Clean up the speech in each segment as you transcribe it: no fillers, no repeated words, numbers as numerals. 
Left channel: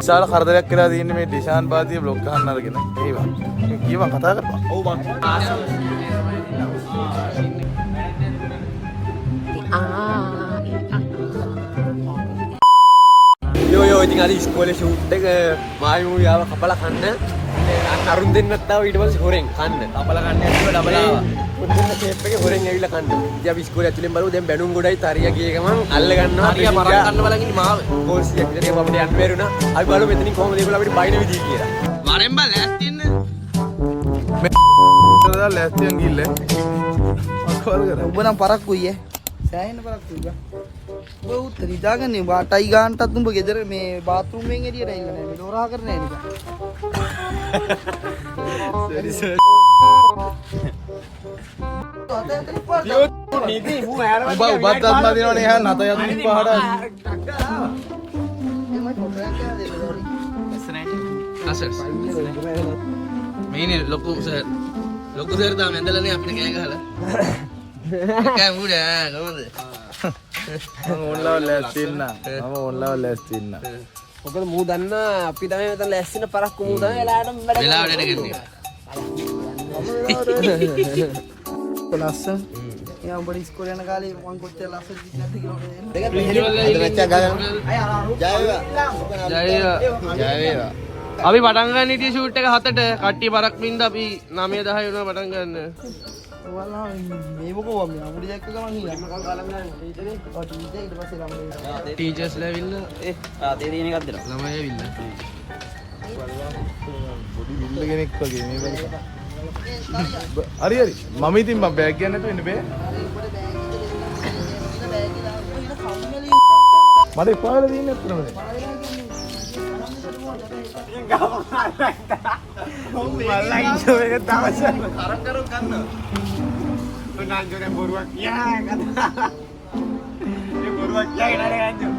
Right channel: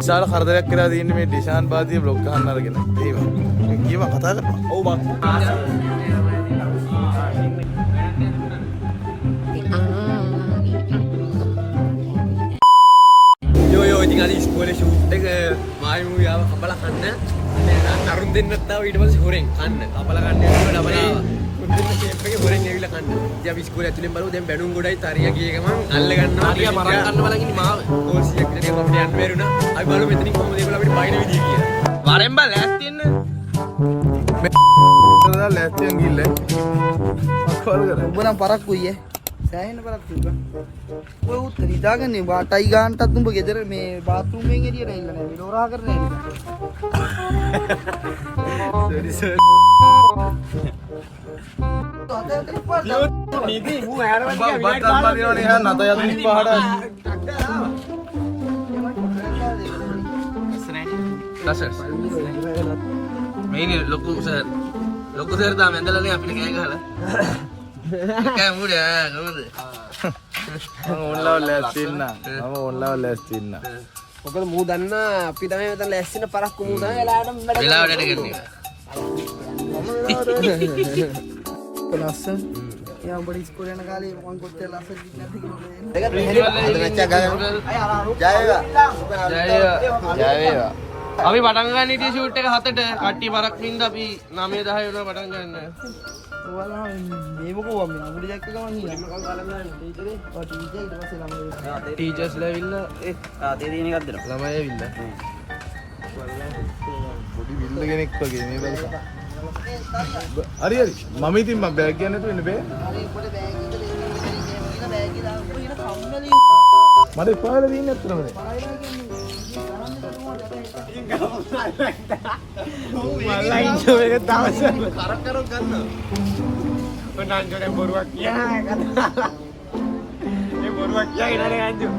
විශාල කරදරයක් කියලා තියෙන්නේ මේ ඩිෂාන් බාදිය බ්ලොග් ගන්න අරගෙන. ඒවා. කීවා කතා කරපන්. ඔව් බං. Yo ඉතින් අද ඉස්කෝලේ ෂූට් එක මායු යාව කපලා කන්න. අරුන් දෙන්නත් තාව ඊට පස්සේ හොරෙන් කන්න. කපලා කන්න යනවා ඩබල් ආවා. මුන් දෙන්න ෂේප් එකේ හොරෙන් ඇවිල්ලා කන්න. ඉතින් අපි ඉස්කෝලේ ඇතුලෙන් බලුවා දැන් බැනුම් ගොඩයි තරියා ගිය ගමන් අල්ල ගන්නවා. හරිය මරන් ගන්න බලන් ඉන්නේ මාව. කෝල්සියක් විතර අපිට යන්න බැරුණා. අපි බලමු මෙතනින් කොහොමද ඒගොල්ලෝ අපිට බයින විදිය කියලා. වරෙන් බල ලෑස්ති වෙන්න. මේ ලෑස්තියෙන් ගිල්ල. අකවල කර. ඔබ නම් පරක්කුයි සෑහෙන පරක්කුයි බා. ඔය උත්තර හිතාගන්නේ වාටයි ගන්නටත් උඹ ගෙදර මේ බාත් รู මෙන් එළියට ඇවිල්ලා නෑ. මේ ලෝරා කරන්නේ නෑ. සරි සර්. නීති මු හැරවන්න බා බද්දම්ලා දිනවනේ හැ නත යදින් පහඩ. මේනේ ලොකු සර් තාම ඇඳලානේ අපිට කෑ ගහලා. කෑ මුඩ කොහොමද? මම ඕන්ලව ලෑස්ති ඉන්න. මම ඕන්ලව ලෑස්ති ඉන්න. මොකද මූ දන්න අපි තමයි මෙතන ලෑස්තින පරක්කු මූ තමයි වෙලාවට ගෙන්නේ. ලස්සන. යා උඹ ඉස්කෝලේ යන කාලේ මං කොච්චර ලස්සන නැද්ද කියලා. අද මැච් එක ගන්න. ජය වේවා. ජය වේවා. අපි පටන් ගන්න ඉතින් ෂූට් එක 7ට කට්ටිය පරක් නින්ද අපි 9 10 වෙනවා පටන් ගන්න. ඔයාලා මේ මොකෝ මේ අමුඩි දැක්ක ගමන් නිකන් මකල් ගාලා යනවා ටීචරේ. ඔව් ටීචර් ඊට පස්සේ ළමයි. ටීචර්ස්ලා ඇවිල්ලා තේ දෙන එකක් දෙනවා. ළමයි ඇවිල්ලා. පොඩි විල්ල කෙනෙක් වගේ මේ බලන්න. හරි හරි. මම ඉතින් මම බෑග් ගන්න නැතුව ඉන්න බෑ. හරි උඹට බෑග් එක දෙන්න කියලා බෑග් එක දාලා උඹ ඉන කම්මැලි. මට එපාවල තියෙන්නේ අත්‍තරම දැන්. පායලා කියන්නේ මල්ලා ඉන්ජෝ එක දවස කරක් කරු ගන්න. ඔන්න අන්ජෝනේ බොරුවක් කියා කතා. මේ බොරුවක් කියාගෙන නෑ අන්ජෝ.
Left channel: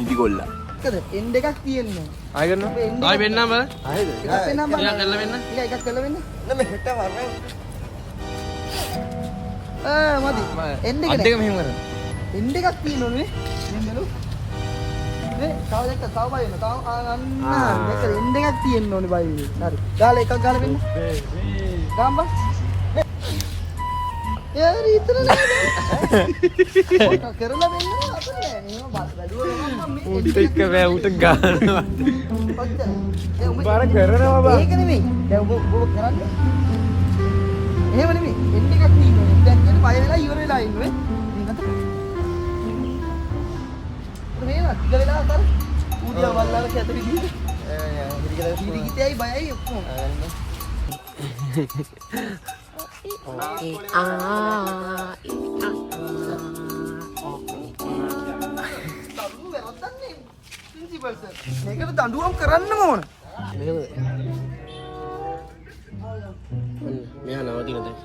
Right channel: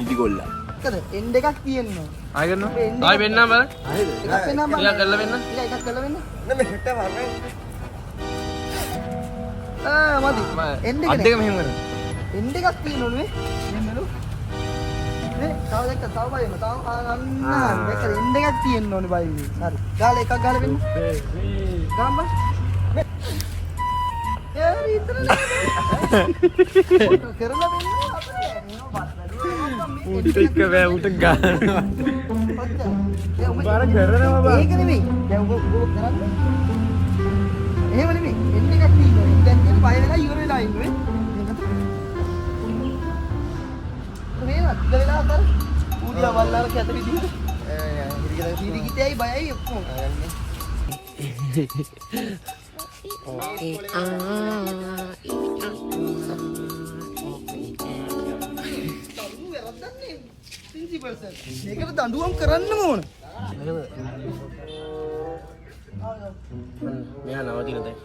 ඉදි ගොල්ලා. එන්ඩ් එකක් තියෙනවා. ආයෙ ගන්නවා. ආයෙ වෙන්නම් බල. එකක් වෙනම ටිකක් කරලා වෙන්න. එකක් කරලා වෙන්න. නෑ හෙට වරනේ. මදි. එන්ඩ් අත් දෙක මෙහෙම කරන්න. එන්ඩ් එකක් තියෙනවා නේ. මෙන්න බලු. නේ තව දෙක තව බය වෙනවා. තව අන්න දෙක එන්ඩ් එකක් තියෙන්න ඕනේ බය වෙන්නේ. හරි. ගාලා එකක් ගාලා වෙන්න. ගාම් බං. යාරි ඉතරනේ. කරලා වෙන්න අපේ. උට එක බෑ උට ගන්නවා. බාර කරනවා බා. ඒක නෙමෙයි. දැන් ඔබ කරන්නේ. එහෙම නෙමෙයි. එන්ඩ් එකක් තියෙනවා. දැන් කියන්නේ බය වෙලා ඉවර වෙලා ඉන්නේ. මේකට. මේවත් ගලලා අතර. ඌදියා වල්ලාර කැත විදිහට. හිරිකිතයි බයයි ඔක්කොම. Okay. මේකට දඬුවම් කරන්නම ඕන. මෙයා නවතින දැන්.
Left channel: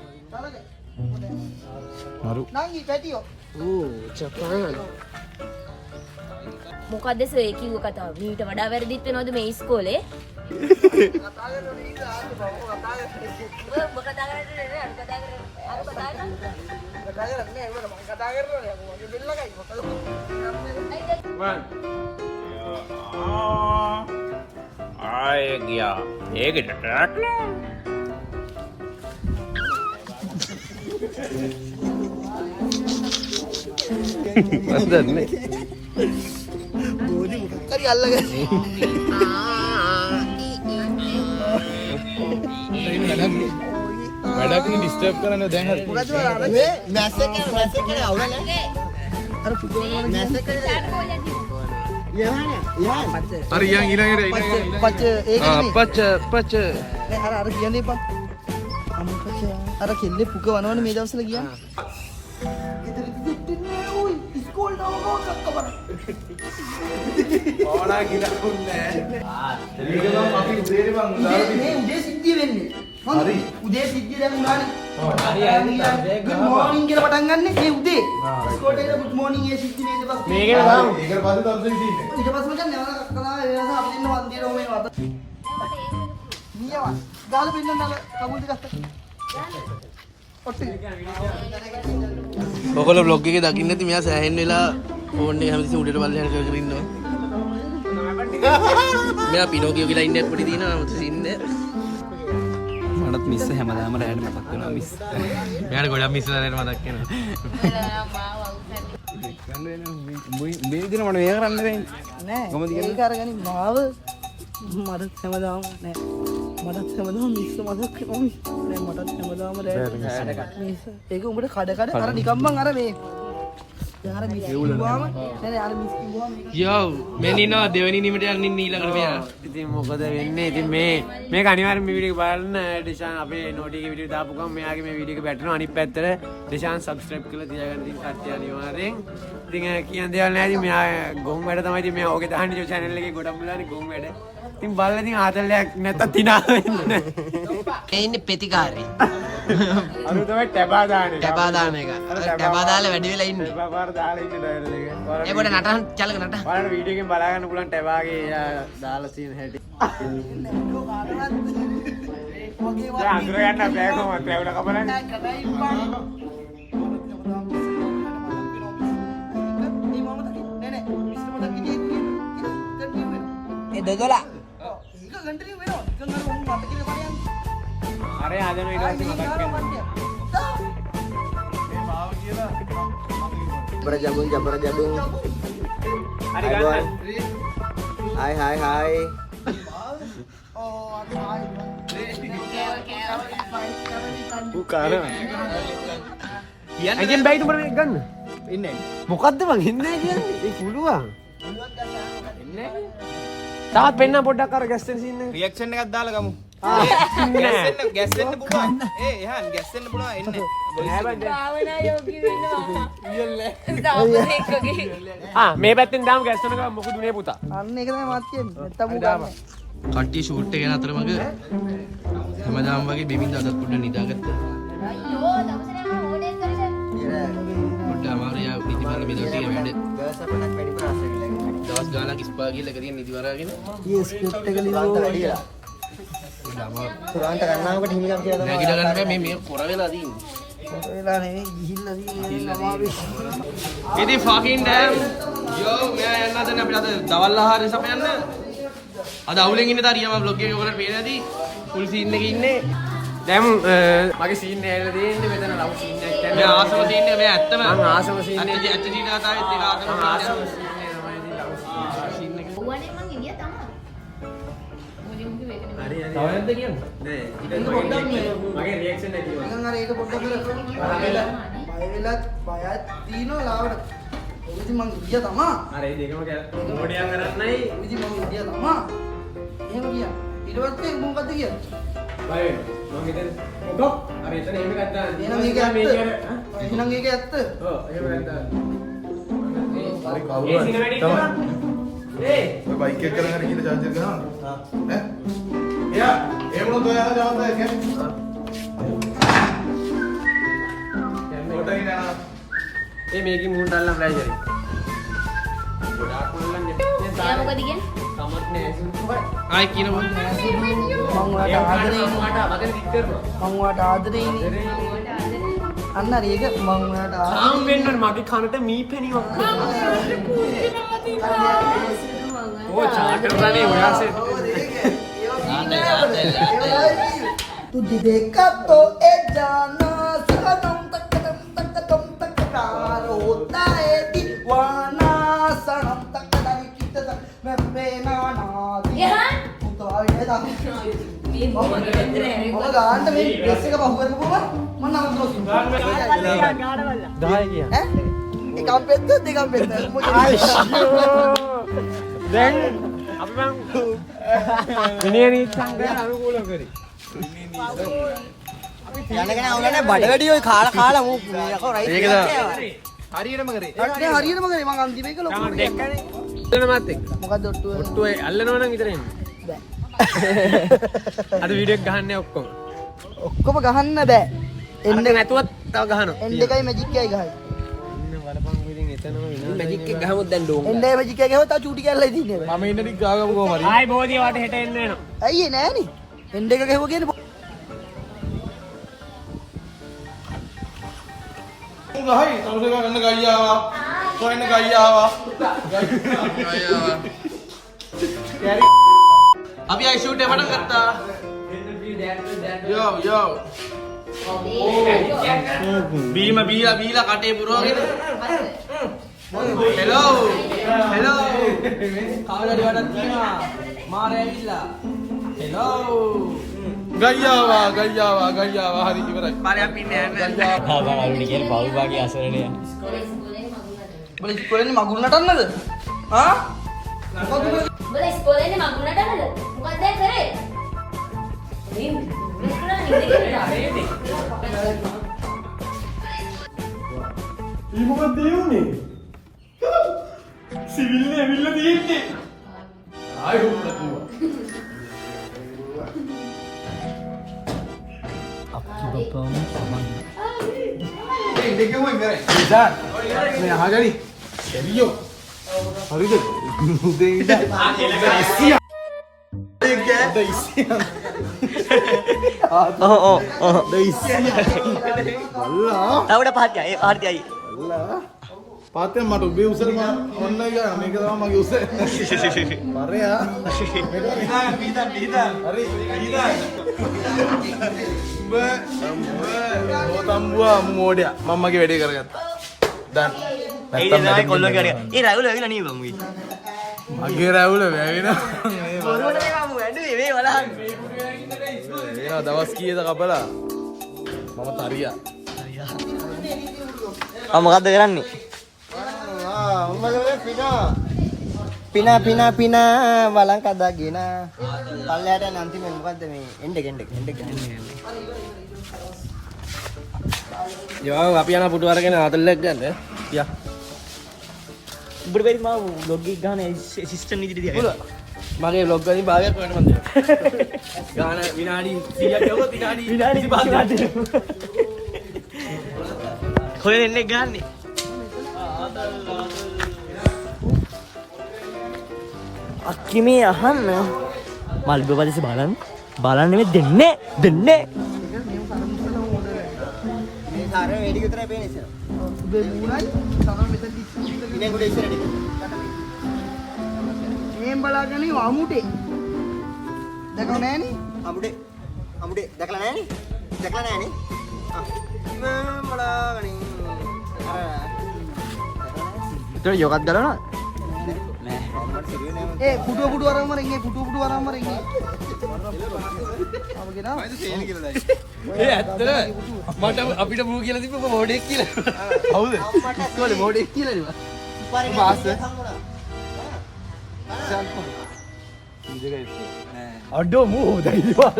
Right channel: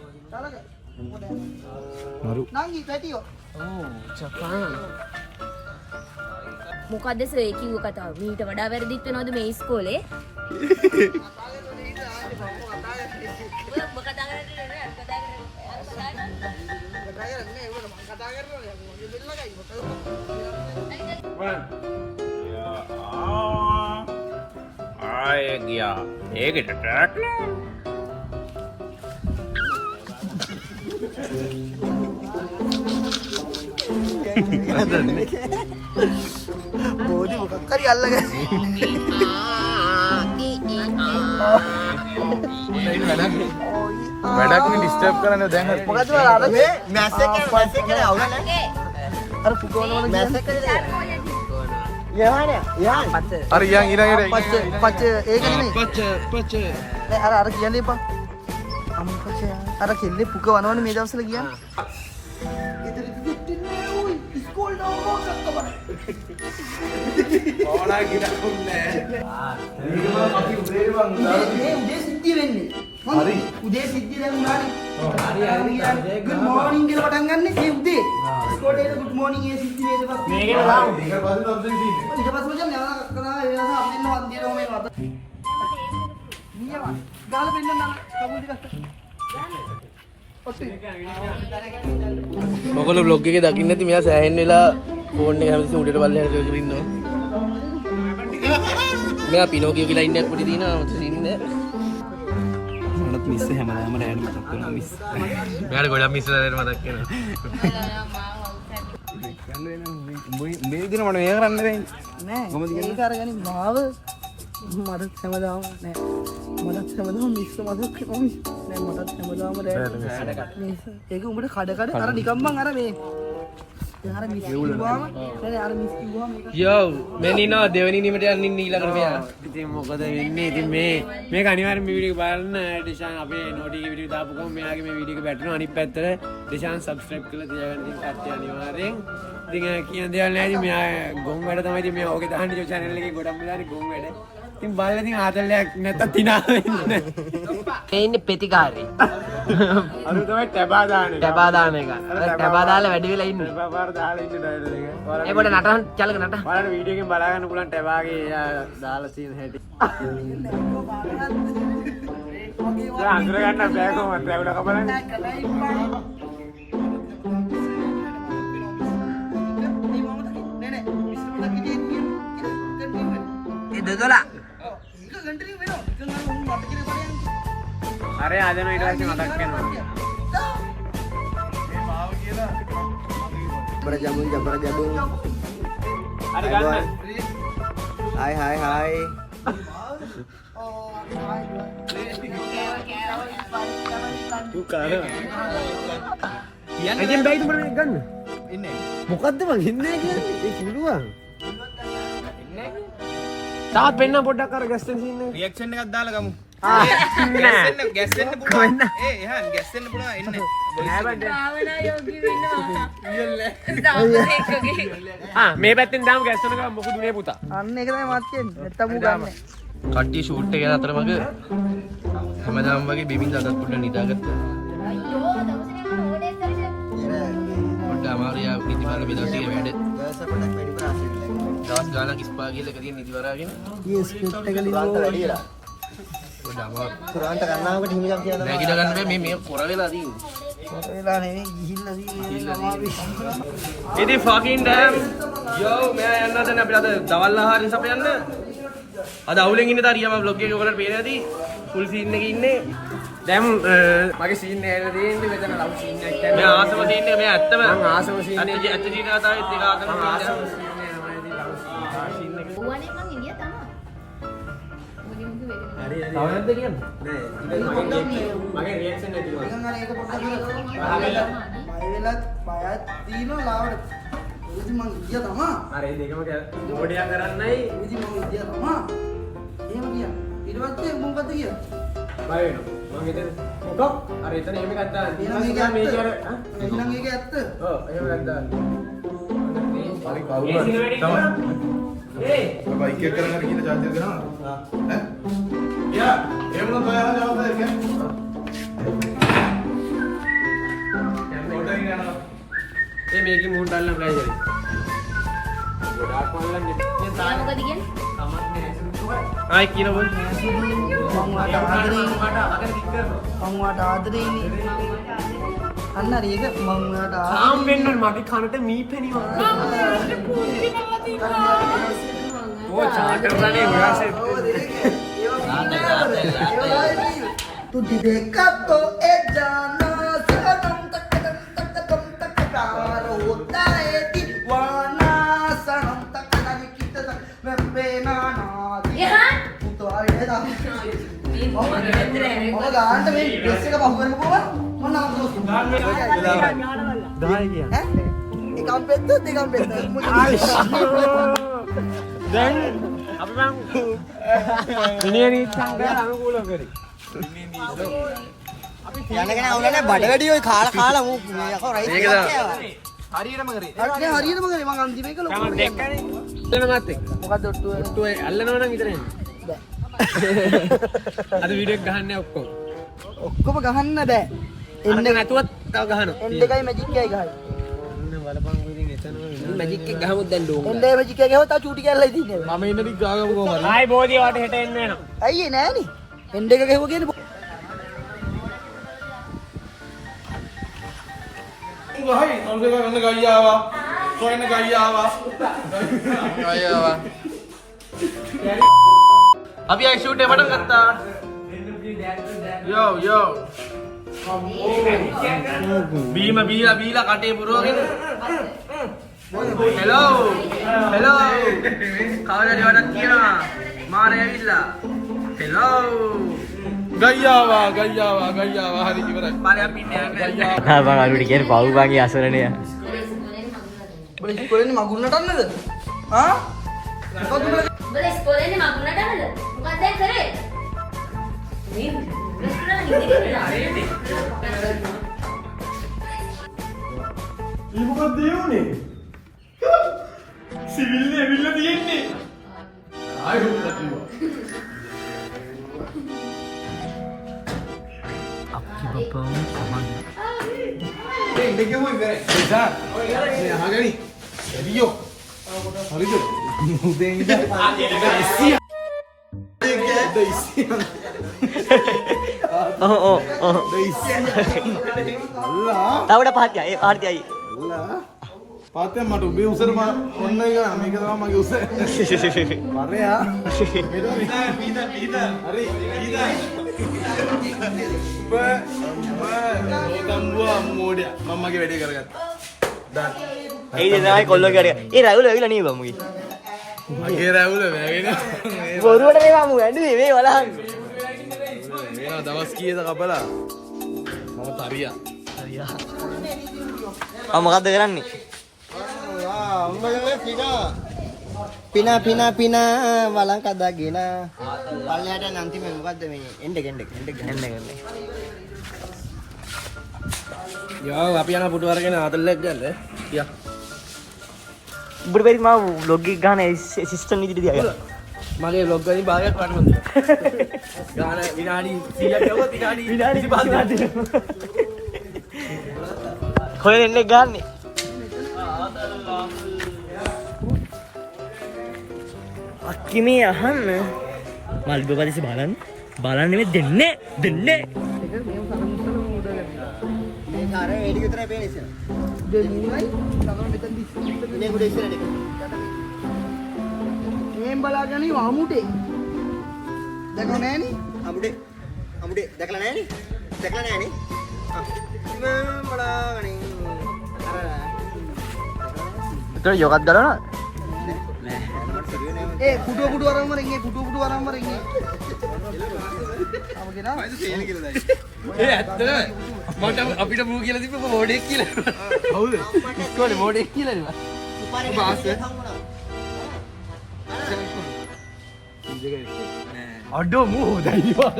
මරු. නංගි පැටියෝ. Oh, Japan. මොකද්ද සර් කිව්ව කතාව? මීට වඩා වැරදිත් වෙනවද මේ ඉස්කෝලේ? ආයෙ ගියා. ඒකට ට්‍රැක් නෑ. බෝඩි මොකක් හරි අල්ලගෙන. වැඩක් නේ ඩිස්ටර්බ් කරන්නේ දැන් හරි. මොකද අර මේ මැස් එක අවුල නැහැ. අර පුකෝනවල මැස් එක යහනේ. අර ඊයන් ඊළඟට පච්ච ඒක නෙමෙයි. පච්ච නෑ අර කියන්නේ බං. අම්පච්ච අර කෙල්ලේ පුක වනවනේ මේ දවස්වල කියන්නේ. ගෙදර දෙන්නේ ඔයි ඉස්කෝල් දාවෝ සක්කවර. ඕනා ගිරකුන්නේ. මේක තමයි අපි උදේ බං මේ උදේ සිද්ධිය වෙන්නේ. හරි. උදේ සිද්ධිය දැන් උනානේ. good morning කියලා පටන් ගන්න මේ උදේ. ඉස්කෝලේ ඉඳලා good morning ඒ සිද්ධි නේද බස්. මේකේ දාමු. ඊට පස්සේ තවද ඉතින්. ඊට පස්සේ මචං නේද කතා ඒ නිසා අපි ඉන්න වන්දියරෝ මේ වත. නියම. ගාල පින්නන්න කමුල් ටික අස්ත. ඔයගොල්ලෝ vlog එකේ දකින්න නැති මෙයා සෑහෙන්න වෙලා ෆෝන් එක හැමතිස්සෙම උඩට බල්ලෙන් කරගෙන ඉන්නවා. මෙයා පිනෝකියෝ කියලා ඉන්නේ පොඩි දිනනවා මත ඉන්නේ. මටත් මිස් හැමදාම රෑට මතක් වෙනවා මිස්. මෙයාට ගොඩක් මිස් වෙලා මතක් වෙනවා. මේ විදිහට මට මේක කරන්න බැහැ. නෑ. ඒක අරගෙන මාව මටත් හැමදාම නෑ. මටත් හැමදාම මිස් මතක් වෙනවා. නෑ මටත් හැමදාම රෑට මිස්. ඒක උඹට කඩ අර නිකම්ම අර මේ දැන් අර මිස් කිව්වම නෑ අර මිස් කිව්වම යෝ මේ නිනවා දෙවෙනි නිමට යන්න ඊළඟට මෙයා. ඉතින් මොකද වෙන්නේ? ඉතින් මේක අනිවාර්යෙන් මේ වීඩියෝ එක බලන්න. ඩිෂාන් අපේ නෝටි එකේ වීඩියෝ දාපු ගමන් මෙයාගේ මේ වීඩියෝ එක බැටරෙනවා. අනිත් පැත්තට ඩිෂාන් සබ්ස්ක්‍රයිබ් කරලා තියාගන්න ඉතින් කට්ටිය අනිවාර්යෙන්. ඉතින් කියන දේවල් නැහැ. ඉතින් මෙයා ගොන් වැඩ තමයි ඉතින් මෙයා ඕකේ දාන්නේ channel එකේ ගොඩක් මුලානේ ගොන් වැඩ. ඉතින් බලලා ඉතින් ආතල්ලයක් නැත්තම් තිනා වෙන්නේ. මේ ඉන්නේ ප්‍රතිකාරේ. අර තමයි ටැබා දාන්නේ. ටැබා දාන එක. ටැබා දාලා වැඩි වෙලා ඉන්නේ. ටැබා දාලා ඉන්නේ ඩයල් එක. ඒ පොඩ නටන චලක නට. බලන්න වීඩියෝ එකෙන් බලා ගන්න පුළුවන් ටැබාගේ දාලා තියෙන හැටි. දැන් අඳුර ගන්න බෑ කොහොමද ට්‍රැවල් එක බලන්න. ඒ දොදලා. ඒක කන්ටිනියු වෙනවා. ඉතින් අර උන් අපිට කියන කඩයන්. අර ආදෙන ඊට පස්සේ මතක් වෙනවා. මේ මාව කියලා ජබර ජබුන්. හරි ගන්න. Hai. බුකාන. එජෙන් බයිට් උඹට මේක ගන්න. ඉන්නේ. මොකද්ද මං ඉන්නේ කියන්නේ? ඒ පුළුවන්. තාත් පෙන්න පොඩ්ඩක් අර ගැස්ටන් සීන් එක. රියැක්ෂන් එකක් දාලා ගමු. ගැස්සෙන්න පුළුවන්. එහන් ගැස්සෙන්න පුළුවන් එන්න. භාවනා යෝගී වෙනවා. මේ පැත්තෙන් දාමු ගැස්ටන් එක මොකද උනේ පුතා. අන්න ඒක තමයි මාත් කියන්නේ. නැත්තම් දාමු. කට්ටිය ෂූට් එක යන අතරමඟ හැමදාම වගේ බිමින් අදත් පොඩ්ඩක් නිදාගත්තා. අයියෝ දවසනේ මම ඕනේ කරේ. පොඩ්ඩක් අමාරුයි ආ පිටිපස්ස බෙදලා තියෙන වැඩ. දවස් ගානක් ස්පා ගිහලා කරිය නිදි වරාගෙන ඊ ස්ක්‍රිප්ට් එක ලියලා වැඩිලා. පොඩ්ඩක් අමාරු. පුරාන්ට ගන්නවකට හිමියක් කියලා. නැගිට ගන්න බෑ මේ කොර වෙලා තියෙන්නේ. කොට වෙලා නෙවෙයි ගිහිල්ලා තියෙන්නේ. ඉතින් ෆකින් ඩෑම් යෝ මෙයා යන්න හදන අපිට අද දවල් ආහාරය සපයන්න. අද අවුලෙන් ඉන්නේ තාරියා මම vlog එක ඔයාලට පේන ඇති. ෆුල් සීන් එකේ ඉන්නේ. දැන් මගේ සීන් එක ඇවිල්ලා තියෙන්නේ මෙතන ලව් සීන් එකක් කියන්නේ. මේ ආසම සීන් එක මේ ඇත්තම මම ආසම සීන් එක ඇත්ත සීන් එක තමයි ඒක ආසම සීන් එක තමයි ඉතින් ලව් සීන් එක. ඕවනේ මං ඉන්දියා තමයි. මුලින්ම වේදනේ. හරි තව නැද්ද කියන්නේ? නෑ. ඉතින් මගේ රියැක්ෂන් නැති වුණා. නිකන් අර ඒක පොඩ්ඩක් කර බය වෙලා බයත් දිනෝ ලාවට. ඉතින් මං ගියා තමා. අර ඒ දෙකම මොඩියා කරන්නයි ඉතින් මං ගියා තමා. එහෙම ගියා. ඊට පස්සේ මොකද ගියා? බය වෙනවා. මම හිතන්නේ මොකක්? අර එතන එහෙම එකක් දාන්න. එහෙනම් ඒක ඇත්ත. එහෙනම් ඒක ඇත්ත. ඔව් එහෙම එකක් දාන්න. හරි කවුරු හරි ඒ ඔය බයික් එක කරගෙන හරි කියලා චාර්ජර් ගහනවා. ඈ? යා ඒ මොනවද ඔයාලා ජවාබ් දෙන්නේ? මොඩින් යනවා. ඒ මේකේ මුහුණට අල්ලන්න බෑ ඉතින්. එයා මොකද කියන්නේ? ආයි කියන මොකද? මං වාට ආදරේ ඉන්නේ. අගන කික් කරනවා. මං වාට ආදරේ ඉන්නේ. අන්න හරි ඒක මං වාට තාම් වෙන්නනේ මගේ කනට මීපෙනි වගේ. ඕ චාටර් ගානේ ඔයාසේ. तू देखा तो ए जाना सनम तक प्यार होता है दीवाना सनम तक दानी कितना मैं बेनाना එහා तू तो आए था මේ මොකද කරන්නේ? මම ගාන්න මේ ඩ්‍රෙස් එක පහු කරගෙන පොවා මම නම් දුන්නා දායි කිය. ඈ එකම් පෙත්ත දෙකම් පෙත්ත දැන් අපි මම විනයනි සංගය අනුකූල කරේ. යනගෙන අවුලනේ බඩ වැඩි ඔය කාලා මූ මේ යකෝ රයිස් එකක් කෑවා හරියටම කරේ. හරියට හරියටම කරේ මං අන්තිම එක ලොකු තමන් දැක්කනේ. එතන මාත් එක්ක. මොකද්ද ඔට්ටුව ඔට්ටුව අල්ලනවා නම් විතර එන්නේ. බෑ අද වීඩියෝ එක ගහන්නේ ඔක්කොම. ඔක්කොම ගහන්න බෑ එන්න නැතුවත් තව ගහනවා. එන්න එකයි මැජික් එකයි ගහයි. මැජික් එක ගහමුත් දැන් ඩෝන්. එන්න ඒ මැජික් එක ගහුවා තා චූටි කැල්ලයි තින්නේ. මම ඉන්න ටික ගාගමු කොහම හරි. ආයි බෝධිය වට හෙට එන්න වෙනවා. අයියේ නෑනේ. එන්න එක ගහුවා කියන්නේ ගහයි තවද ගන්න ගයියාවා. කොහෙන්ද ගයියාවා. ගයියාවා. අපි ආයි ෂූට් එක පටන් ගත්තා. යෝ බීම බීලා කටේ පුරවගෙන හෙලෝ කවදාද වඩක් කියනවා මාරේ ඇවිල්ලා හෙලෝ ගයියාවා හරි ඉවරයි පාරේ අපි ඉන්නේ ආ බං අලුඩි කියන්නේ පව් බාගේ අසරණය. බල ඉස්කෝලේ මගුල් නටන්නද? ආ? උඹලා ඉස්කෝලේ ඉන්නේ මගුල් නටන්නද? මොකක්ද දැන් කරේ? මේ මොකක්ද යුනේ? සිවිල් ඇවිල්ලා තියෙන්නේ. ආයි හොක්ලා කිව්වා. අප්පි බප්පා සමන්. ඒ ඉන්නේ කොහොමද ඉන්නේ? ඉතින් මේ අහගනි. එළියෝ. හරිද? මුදේ ඉඳන්. ඉස්සියා. තවඩ පහතිය ඒ පාර්තියයි. පාතේ මට උඹේ උසරම ඔන්න එක මේක තමයි මගේ උස. පරයා. හරි. ඔතම්බුවා මොඩියා මම මගේ වැඩේ කරගත්තා. දැන් ඒ තමයි කොල්ලෝ කරේ. ඒ රැවුල ඇවිල්ලා නේ බමුගේ. මගේ රැවුල වැවෙනවා. බොරුවට මේවා මු ඇඬුවේ මේ වලහන්. වෙනවා දවස් කීයද කපලා මම තරියා ආ මොකද්ද කරන්නේ? පිනා වලං කදාගෙන පල්ලෙහාට යන අන්තිමේ මොකද්ද මේ එන්න කරන්නේ. යෝ අපි යන පුටු අරගෙන ආතල්ලක් ගන්න. යා. උඹට බැරි මම vlog එක ගන්න ඇසිස්ටන්ට් විදිහට දිහා. මගේ vlog වලින් භාගයක් පාට මම ගාන විනාඩි 100ක් යවුවා විනාඩි 25ක්. කොහෙන් එන්නේ ගන්නේ? අක්කිමේ අහන්න මල්බපදිසි බලන්න නෙමෙයි දෙන්නේ මේ සාර වැඩි විතරයි පේන්නේ ඉතින්. ඔබේ මූණයි තරම මෙතන ඉන්නේ ගොඩ ඉස්සරට. මේන් බලාගෙන ඉව අමුඩේ. දැකලා නෑනේ? අමුඩේ දැකලා නෑනේ? මේන් බලාගෙන උතර යෝගත් ගලවනවා? ඒ පුටු වරම ඉන්නේ පුටු වරම ඉන්නේ. ඒ ඇත්තද? මට අපිට බූ කියලා තිබ්බ මොඩෙක් කියලා. හවුද ඉස්කෝලේ මොඩෙක් කියලා නේ. බාස් අඩෝ මූ දැයිවා.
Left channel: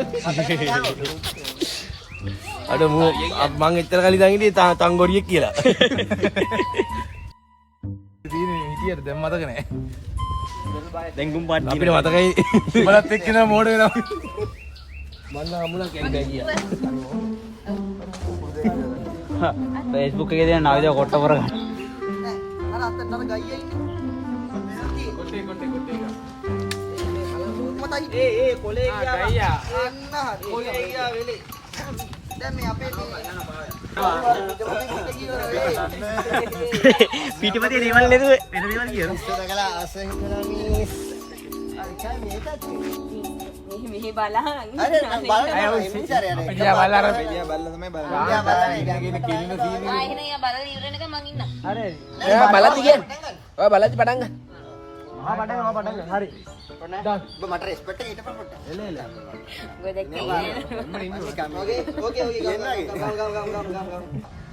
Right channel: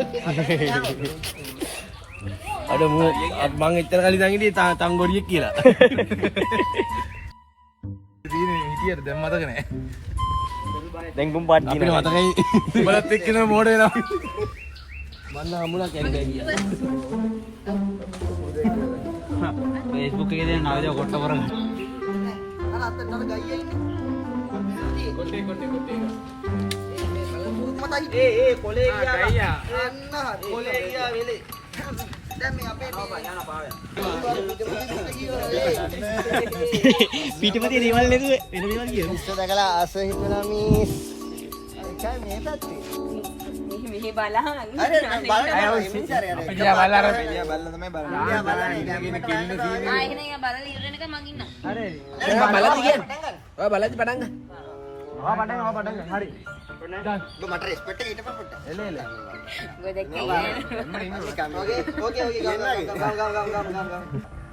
අඩෝ මූ මං එච්චර කලින් දැන් හිටියේ තංගොඩියෙක් කියලා. තියෙන්නේ හිටියට දැන් මතක නෑ දැන් ගුම් පාට් අපිට මතකයි මලත් එක්ක නම මෝඩ වෙනවා මන්න හමුණා කැන්ගා ගියා. Facebook එකේ දැන් ආවිද කොට කරගන්න. අර අතන අර ගයියා ඉන්නේ. කොටේ. මතයි ඒ කොලේ ගියා. එන්න කොලේ ගියා වෙලේ. දැන් මේ අපේ පිටපතේ රීමල් නේද වෙන මේවල් කියන. දැකලා ආස හිතනවා මිස්. මෙහි බලහන්. අර බලන්න මිනිස්සාරය අර. අපිට බලලා තමයි බලන්නේ. ආ එහෙනම් යා බලලා ඉවරනක මං ඉන්නම්. බලද්දි කියන්නේ. ඔය බලද්දි පටන් ගන්න. පටන් ගන්න හරි ඔබ මට රෙස්පෙක්ට් එක ඊටපස්සේ පොට්ට. එන්න. ඔය දැක්කේ ඕකේ ගම්.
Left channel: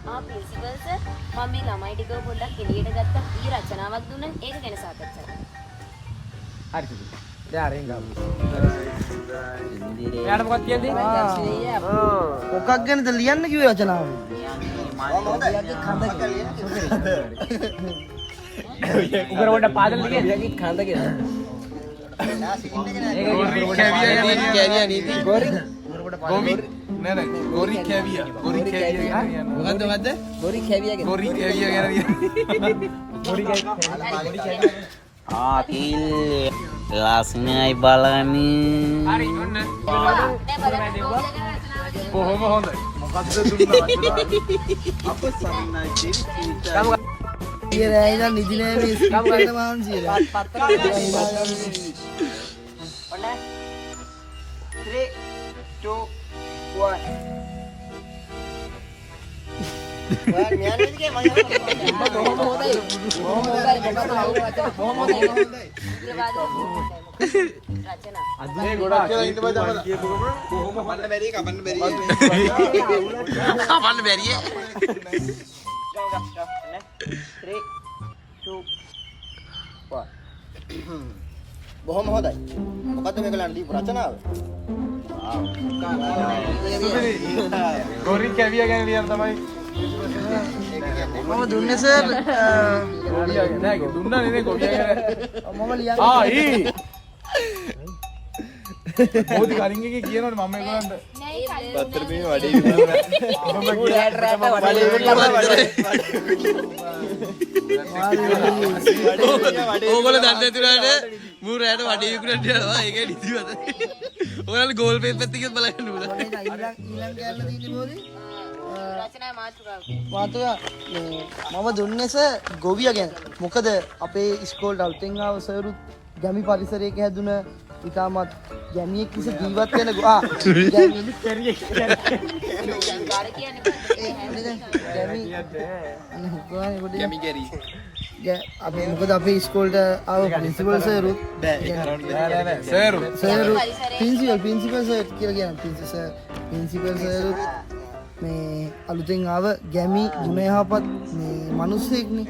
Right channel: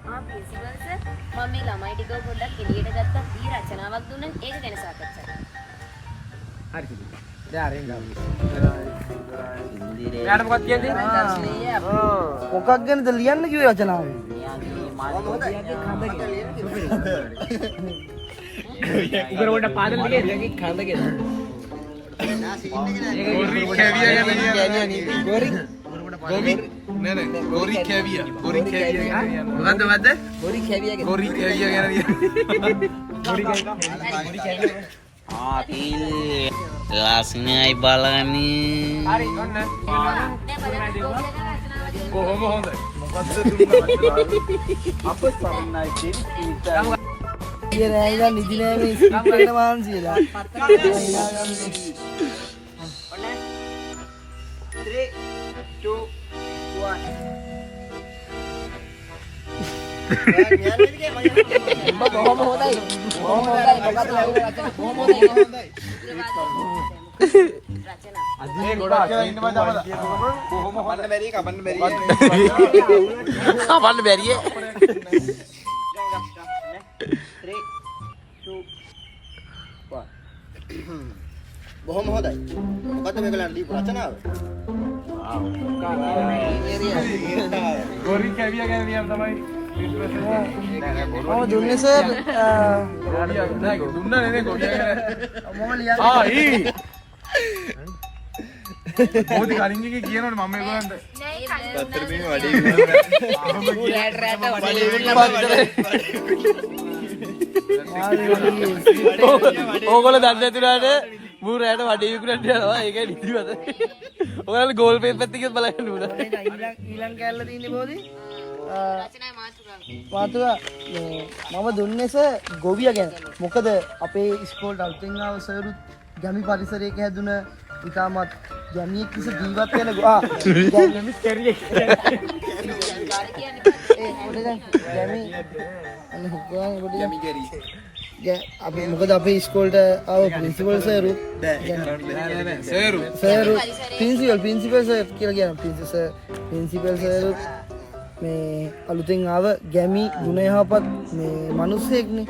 ආ ප්‍රින්සිපල් සර් මම මේ ළමයි ටිකව පොඩ්ඩක් එළියට ගත්තා. ඊ රචනාවක් දුන්නත් ඒක ගැන සාකච්ඡා කරමු. හරි. දැන් අරෙන් ගමු. එයාට මොකක්ද කියන්නේ? මොකක් ගැනද ලියන්න කිව්වේ රචනාව? උගර කොට පාදම් කියන්නේ කන්ද කියලා. ගොරි නෑ නෑ ගොරි කැවියා මොකද්ද මොකද්ද? බොරි කැවියගේ ගොරි කැවියා ගැන ලස්නයි බලන්නේ හරි ඔන්න. කොහොම හොඳ කියලා ඉතින් නිදි නෑ මේ ස්ක්‍රිප්ට් එකට මහන්සියලා. අදේ ගොඩක් කියලා ඉන්න බෑ තමද කොහොම කපන්න බැරි කපන්න බැරි. කපන්න බැරියේ බොහොම හොඳයි. මොකද්ද මේගොල්ලන් දීපු රචනාව? ගොරි කැවියා ගැන ලියන්න තමයි මම දුන්නේ සර්. නෑ දුන්නා නේ ගොවියා ගැන මම ලියන්නේ. මොකද කලින් එකේ කියනවනේ මම මේගොල්ලන්ට අතර මේ වැඩේ විකුණනවා. ඕගොල්ලෝ දන්නේ නැතුණාට මූ රැට වඩේ විකුණන්න යනවා ඒකයි නිදිමත ඔයාලා ගෝල් පේපර් එකත් බලන්න ඕන ඊළඟ කැල්ල තියෙන්නේ බෝලි. රචනා මාතෘකාව. මාතුවා මම දුන්නේ සර් ගොවියා ගැන. මොකද අපේ ඉස්කෝලේ අලුතෙන් ආව සර්ුත් ගැමි පරිසරයක හැදුන ඉතාමත් ගැමියෙක් ලෙස ජීවත් වෙන ගැමි කැරියෙක්. අපේ මොකද අපේ ඉස්කෝලට ආව ප්‍රින්සිපල් සර්ුත් ප්‍රින්සිපල් සර් කියලා කියන ප්‍රින්සිපල් සර්ුත් මේ අලුතෙන් ආව ගැමි ගුණ යහපත් මේ මිනිස්සෙක්නේ.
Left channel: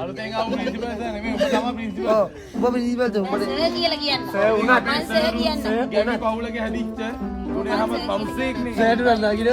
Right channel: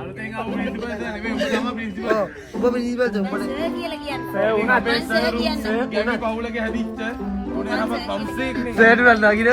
අලුතෙන් ආව ප්‍රින්සිපල් සර් නෙමෙයි ඔබ තමයි ප්‍රින්සිපල් ඔව් ඔබ ප්‍රින්සිපල් සර් සර් කියලා කියන්න. සර් උනා මම සර් කියන්න. ගැමි පවුලක හැදිච්ච ගුණයම පවුසෙක් නේ සෑට නන්දාගෙන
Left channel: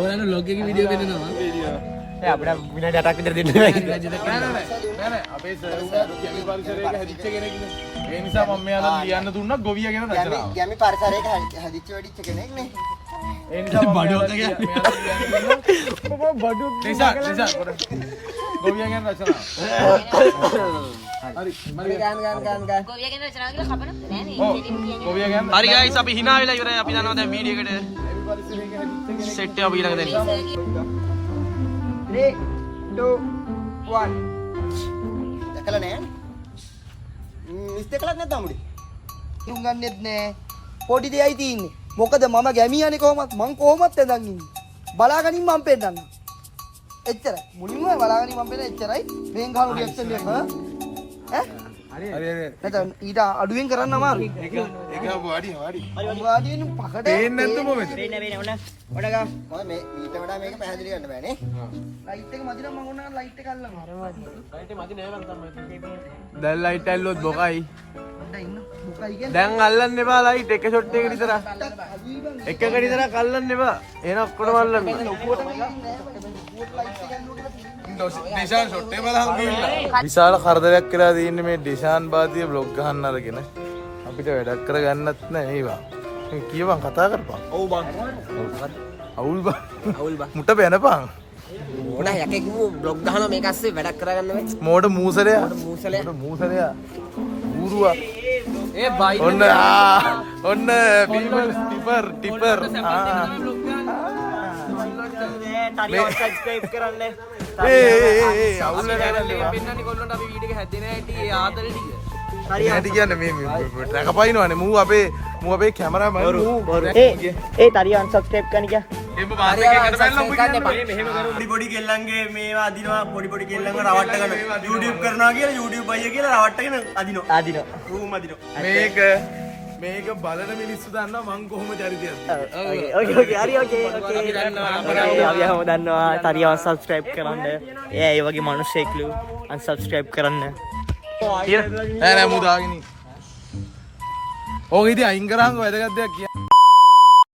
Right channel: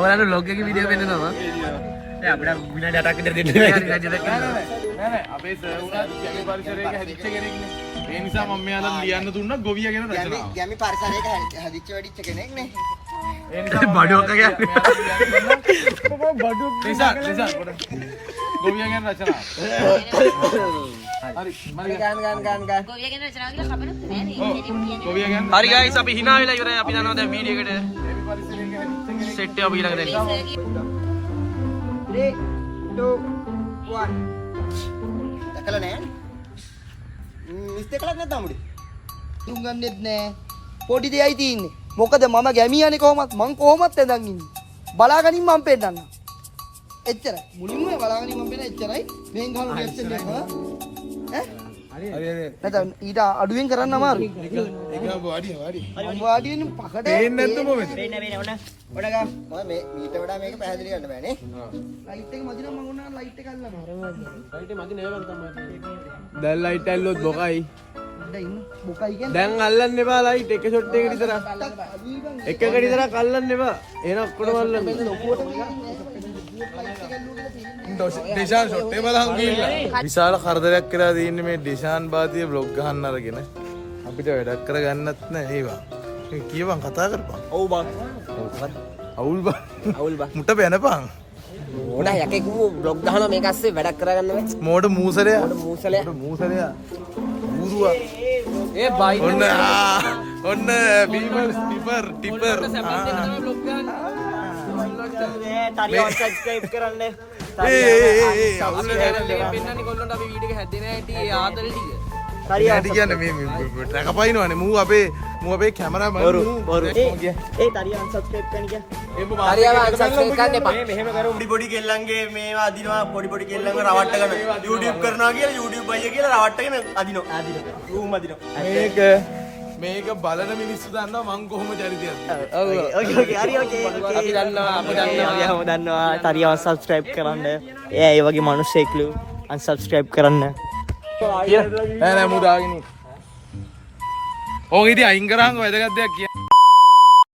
ඔයාලට ලොග් එකේ වීඩියෝ වෙන්නනවා අපිට විනාඩි 8ක් විතර දෙන්න. නෑ අපේ සර් උනා ගැමි පරිසරයක හැදිච්ච කෙනෙක්නේ ඒ නිසා මම මෙයාට ලියන්න දුන්නා ගොවියා ගැන රචනාව ගැමි පරිසරයක හදිච්ච වැඩිච්ච කෙනෙක් නේ. ඒ නිසා බඩුවක් කියන්නේ. නිසා ගොවියා ගැන රචනාව හරි මම ගාන ගොවියා ගැන රචනාව කියලා කපනොත් නෑ නේ. ඔව් ගොවියා ගැන හරි ගයිස් අපි hina වෙලා ඉවරයි අපි යනවා දැන් වීඩියෝ එකට සෙට් එක අපි ඊළඟ දෙන්න 3 2 1 දැකලා නෑ. මිස්ටේක් එකක් නැද්ද අමුඩි? තුන් ගන්නෙත් නෑ. පොඩි දෙයයි තියෙන්නේ. මොකද මම ගැමියානේ කොහොමත් මං කොහොමත් එදන් ඉන්නේ. බලාගනින් මම පෙන්නන්න. එච්චරයි. මුලින්ම බලාගනින් මම පෙන්න එච්චරයි. මේන් ගහම රියැක්ෂන් එක ඈ? හරි හරි නැත්නම් ඊට අඩුවෙන් කරන්න අමාරුයි. ඒක වාඩි වාඩි වෙන පකට පේන්නේ නැද්ද මොකද මම මේ ඊට වඩා මේක පැහැදිලි කරන්න බෑනේ. ලයිට් එක මදි නම් මම ඕන ලයිට් එක අල්ලනවා. දැන් ලයිට් ඇල්ලුවොත් බොකයි. ඉන්න මොකයි කියන්නේ? දැන් අල්ලන්න එපා ලයිට් එක ෂොට් එකකට විතර. එකකට විතරක් අල්ලන්න එපා. එහෙනම් ඔක්කොම අල්ලන්න. ලොකුවට ලයිට් එක ඇල්ලුවා කියලා තියෙන්නේ. ඩිෂාන් ෂොට් එක බලහන් ගිහිල්ලා විශාල කරදරයක් කරලා තියෙන්නේ මේ ඩිෂාන් බාතිය බ්ලොග් ගහන්න අරගෙන අපිට වැඩක් කරගන්නත් නැහැ ඒවා මේ කියවන් කතා කරපන් ඔව් බං. අවුල් බං අවුල් බං. මුට බැනපන් ඕන යකෙක් බ්ලොග් ගහනවා මේක අස්සේ වැඩක් කරගන්න බෑ. මෝඩ මූසලයා මූසලයා. මෝඩ මූසලයා ඌරුවා ඒ බයි ඔන්න ඔන්න බීමල් ටිපර් සබ්ස්ක්‍රයිබ් කරන්න. අවුල් නැහැ පෙන්නන්නේ කොල්ලන්ට අපි වීඩියෝ එක හැදෙන හැටි ඒ ආදරේ ටික. නැටි කියන්නේ මේ රැකපයින්නවනේ මූ අපේ කැමරාමන් ඒ තරිය අන්සබ්ස්ක්‍රයිබ් කරන්න කිය. පොඩි කෙල්ලන්ගේ මේවා අදිනවා පොඩි කෙල්ලන්ව රවට්ටගෙන YouTube කරනවා කියලා YouTube අයියා කියලා රවට්ටගෙන අදිනවා. මේක බලන මිනිස්සු දන්නවා මං කොහොම චරිතයක්ද. අපි දන්නවා තරිය අන්සබ්ස්ක්‍රයිබ් කරන්න. ඒ වගේ මිනිස්සෙක්ලු අන්සබ්ස්ක්‍රයිබ් කරන්න. නෑ නෑ මූ දාගෙන ඕක ඉතින් අයින් කරාම වැදගත් දෙයක් කියන්න